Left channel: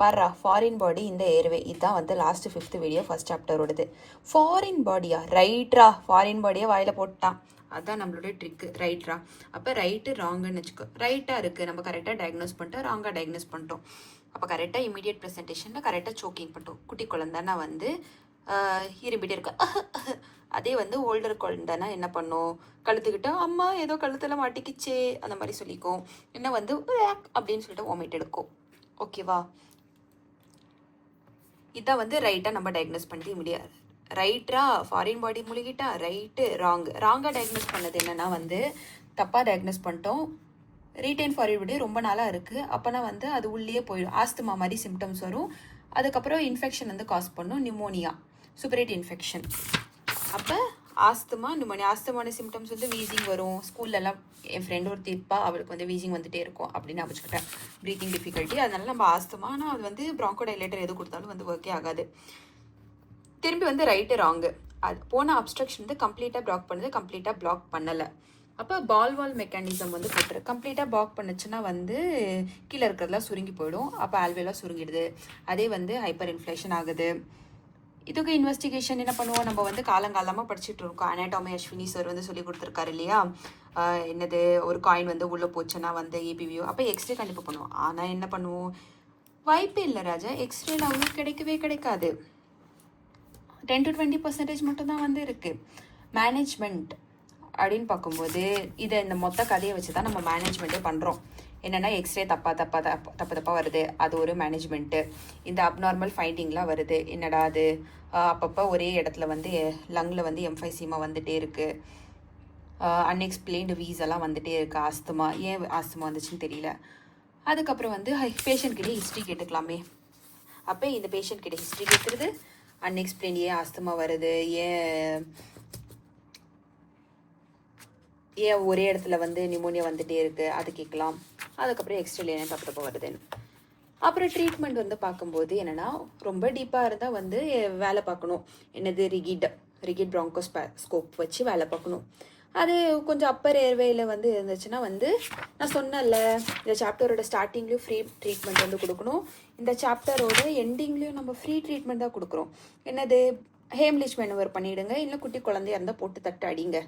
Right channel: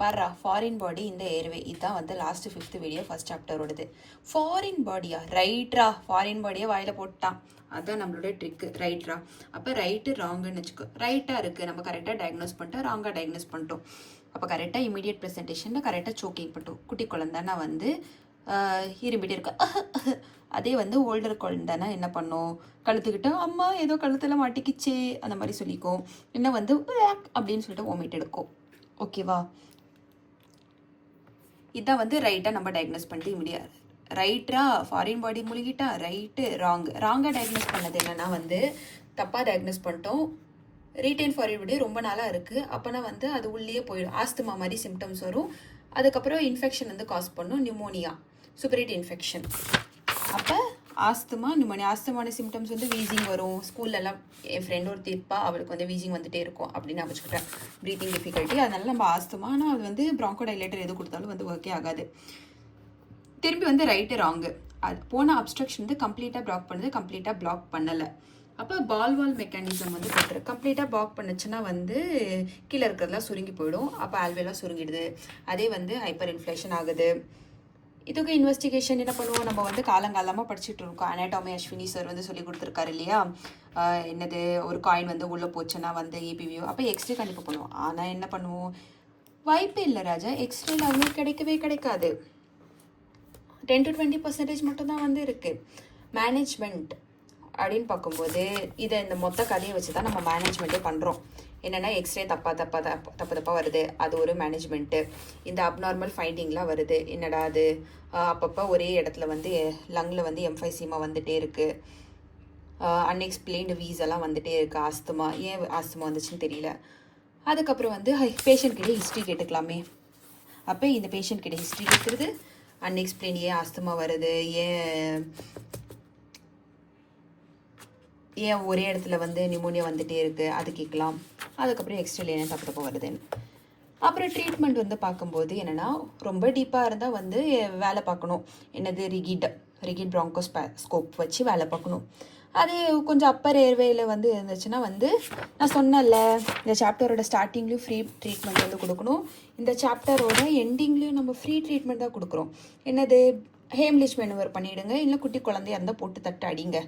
பாருடா ஃபாரின் பாடி இந்த ஏர்வே இதுதான் வந்து லாஸ்ட் 5th வீடியோ ஃபர்ஸ்ட் சாப்டரோடது. ஃபாரின் பாடியா? ரைட்ரா, ஃபாரின் பாடியை வாயில் போட்டான். அதுதான் நம்மளுடைய ட்ரிக்கு. ரைட்ரா. அப்போ ரைட்டு ராங்குன்னு வச்சுக்கோ. ரைட்டாக இருக்குது, நம்ம கரெக்டாக டயக்னோஸ் பண்ணிட்டோம், ராங்காக டயக்னோஸ் பண்ணிட்டோம். அப்போ கரெக்டாக இமீடியட் ப்ரெசன்டேஷனில் கரெக்டாக சோக்கிங் பண்ணிட்டோம். குட்டி குழந்தைன்னா வந்து இருமிட்டே இருக்கு. அதே வந்து ஓல்டர் குழந்தைன்னா என்ன பண்ணும், கழுத்துக்கிட்ட அம்மா ஏதோ கழுத்தில் மாட்டிக்கிச்சே அந்த மாதிரி சொல்லிக்கும். இன்னும் வந்து அப்படின்னு சொல்லிட்டு வாமிட் எடுக்கும். ஓகேவா? இதான் வந்து ரைட்டாக நம்ம டயக்னோஸ் பண்ணிட்டு முடியாது. ரைட்டா ஃபாரின் பாடி முழுகிட்டா ரைட்டு ராங்காக டயக்னோஸ் பண்ணது என்னென்னா வந்து தப்பாக டயக்னோஸ் பண்ணிட்டோம். ரீட்டைன் ஃபாரின் பாடி ரொம்ப நாளாக இருக்குது. அப்போனா வந்து அது உள்ளே போயிடும். ஆஸ்துமா மாதிரி சிம்டம்ஸ் வரும். அதுக்கப்புறம் இன்ஃபெக்ஷன் வந்து காஸ் பண்ணும், நிமோனியா, சூப்பரேட் இன்ஃபெக்ஷன். அப்போ ஆஸ்துமா நிமோனியா. ஆஸ்துமான சிம்டம்ஸ் வந்து வீசிங் வரும். ஸ்கூல்லலாம் என் ஃப்ரெண்ட் ஒரு தீர்ப்பா அவளுக்கு வந்து வீசிங் வந்துட்டே இருக்கும் அப்படின்னு நான் வச்சுக்கிட்டேன். Breathing difficulty. அதனால நம்ம ஆஸ்துமா, ஆனால் அது வந்து ப்ராங்கோ டைலேட்டர் எது கொடுத்தாலும் வந்து ஒர்க்கே ஆகாது. திரும்பி வந்து ரைட்டு ராங்கு. அது போன அப்ஸ்ட்ரக்ஷன் வந்து கம்ப்ளீட்டாக பிளாக் பண்ணுது, கம்ப்ளீட்டாக பிளாக் பண்ணலை. அப்போ பால்வால் மெக்கானிசம் வந்து போட்டுரு. கம்ப்ளீட்டாக பிளாக் பண்ணுச்சுன்னா வந்து கீழே இருக்கிறதுலாம் சுருங்கி போயிடும். அப்போ ஆல்வேலாம் சுருங்கிடுது. அதே வந்து ஹைப்பர் இன்ஃப்ளேஷன் ஆகுது. இதுக்கு இன்வெஸ்டிகேஷன் என்ன பண்ணுவோம், நம்ம வந்து காலங்காலமாக படிச்சுட்டு இருக்கோம். அனாட்டமி அஸ்வினி சார் வந்து சொல்லி கொடுத்துருக்காரு இல்லையா, என்னது ஒரு காயின் வந்து உள்ளே போச்சுன்னா வந்து ஏபிவியோ. அப்போ எக்ஸ்ரே கண்டிப்பாக பண்ணுவோம். ஆனால் என்ன பண்ணுவோம், வாய்ப்பே இல்லை ராஜா. எக்ஸ்ரேல அவங்களுக்கு கிடைக்கவே கிடைக்காது. 10 to 20% மட்டும்தான் வந்து இருக்குது. மேனேஜ்மெண்ட் அப்படின்னு பார்க்கும்போது இதை இந்த மொத்த கதையை வச்சு தான் நம்ம மேனேஜ்மெண்ட்டே பண்ணுறோம். என்னென்னா எக்ஸ்ரே தப்பாக வருது, அது ஒரு மேனேஜ்மெண்ட்டு. இந்த அப்நார்மல் ஃபைண்டிங்லாம் வருது, என்னடா அது அப்பப்போ ஒரே இடத்துல வந்து லங்கில் வந்து எம்ஃபைசீமா வந்துகிட்டே இருக்குது, அன்எக்ஸ்பிளைன்டு வீஸெல்லாம் வந்துகிட்டே இருக்குது. ஆஸ்துமா, ஏன் ஆஸ்துமா வந்துச்சுன்னு தெரியல. அதுக்கப்புறம் வந்து பேஷண்ட்கிட்டே ஹிஸ்ட்ரி கேட்டுக்கலாமே. அப்போ இந்த பேஷண்ட்கிட்ட ஹிஸ்ட்ரி கேட்குறது, அன்எக்ஸ்பிளைன் ஏன் ஆஸ்துமா வருது, ஏன் ஒரே இடத்துல வந்து நிமோனியா வந்துகிட்டே இருக்குது அது கேட்கலாம். அதுக்கப்புறம் எக்ஸ்ட்ரா என்ன தப்பு வருதுன்னு. அப்புறம் ட்ரீட்மெண்ட் வந்து பார்க்கும்போது என்னென்னா ரொம்ப டீப்பாக இருந்தால் வந்து வேலை பார்க்கணும். என்னது ரிகிட் ப்ராங்கோஸ்கோப் வச்சு வேலை பார்க்கணும். அது கொஞ்சம் அப்பர் ஏர்வேயில் வந்து இருந்துச்சுன்னா வந்து நான் சொன்னேன்ல, இந்த சாப்டரோட ஸ்டார்டிங்லேயும் ஃப்ரீ ட்ரீட்மெண்ட் வந்து கொடுக்கணும். இந்த சாப்டரோட எண்டிங்லேயும் நம்ம ஃப்ரீ ட்ரீட்மெண்ட் தான் கொடுக்குறோம். என்னது ஹேம்லிஷ் மெனுவர் பண்ணிவிடுங்க, இல்லை குட்டி குழந்தையா இருந்தால் போட்டு தட்டு அடிங்க.